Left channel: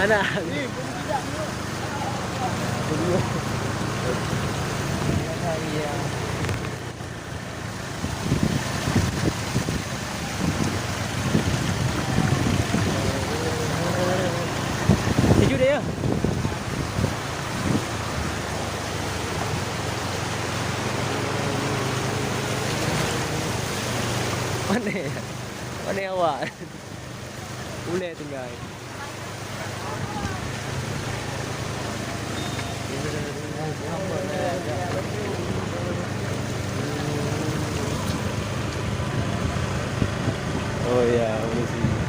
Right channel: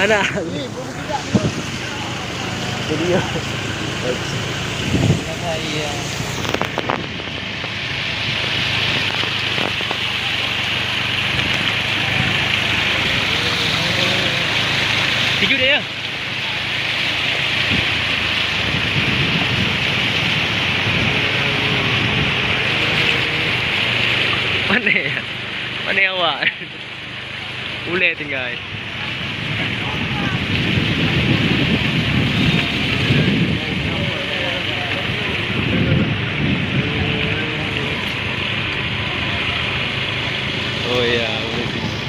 Ana. Video. Kaya Video dia. Mana ya? Mana awak? Ulet tinggal. Oh ya, ulet tinggal.